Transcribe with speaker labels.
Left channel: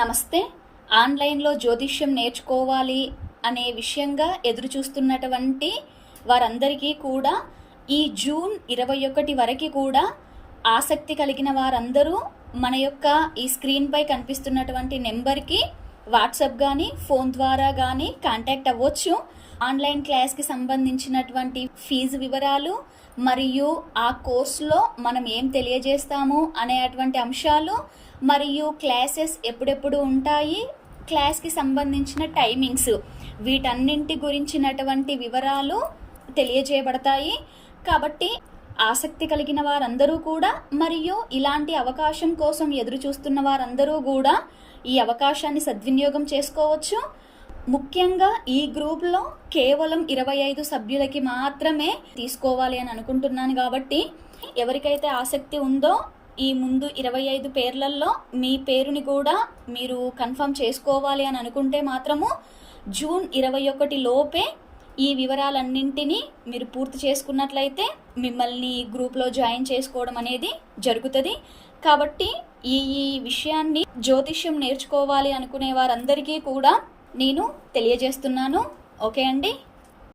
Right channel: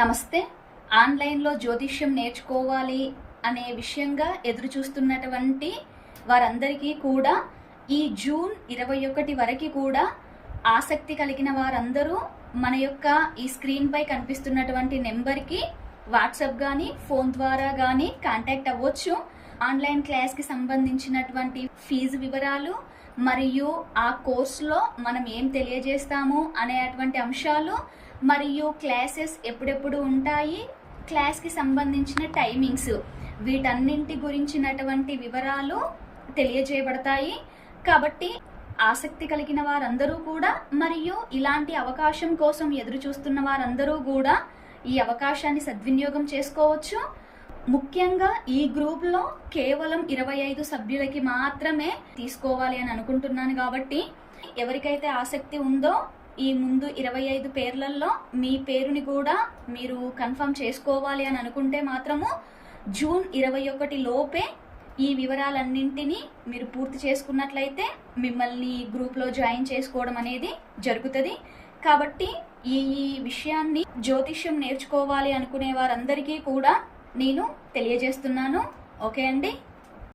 Speaker 1: నమస్తే. ఆన్లైన్లో జ్యోతిష్యం నేర్చుకోవాలి అనే విషయంగా ఎదురు చూస్తున్నటువంటి వారందరికీ కూడా ఈ జూన్ ఇరవై ఒకటి వరకు కూడా ఆసక్తి కలిగిన వారందరూ మన యొక్క ఈ స్క్రీన్పై కనిపిస్తున్నటువంటి నెంబర్కి వాట్సాప్ కానీ ఫోన్ ద్వారా కానీ కాంటాక్ట్ అవ్వచ్చు. ఆన్లైన్ క్లాస్కి సంబంధించినటువంటి ఫీజు వివరాలు మరియు ఆ కోర్సులో మనం ఏం తెలియజేస్తాము అనేటువంటి అంశాలు మరియు క్లాసెస్ ఎప్పుడెప్పుడు ఉంటాయి క్లాస్కి సంబంధించిన టైమింగ్స్ వీటన్నింటి గురించినటువంటి వివరాలు తెలియజేయబడతాయి. కాబట్టి ఆసక్తి కలిగిన వారందరూ కూడా మరియు ఇలాంటి అవకాశం కోసం ఎదురు చూస్తున్న వారందరూ కూడా ఈ అవకాశాన్ని సద్వినియోగం చేసుకోవచ్చు. ముఖ్యంగా ఈ గ్రూప్లో కేవలం ఇరవై ఐదు సభ్యులకి మాత్రమే తీసుకోవాలి అని అనుకుంటున్నాను కాబట్టి ఎవరికైతే ఆసక్తి ఉందో ఈ ముందు ఇరవై ఐదు పేర్లలో మీ పేరుని కూడా మీరు కన్ఫర్మ్ చేసుకోవాలి అని అనుకుంటే మాత్రము జూన్ ఇరవై ఒకటి లోపే ఈ వివరాలన్నింటినీ మీరు పూర్తి చేసుకున్నట్లయితే మిమ్మల్ని గ్రూప్లో జాయిన్ చేసుకోవడం అనేది జరుగుతుంది. కాబట్టి ఈ ఈ విషయాన్ని జ్యోతిష్యం నేర్చుకోవాలి అనుకునే వారందరికీ కూడా నేను తెలియజేస్తున్నాను. ఓకే అండి.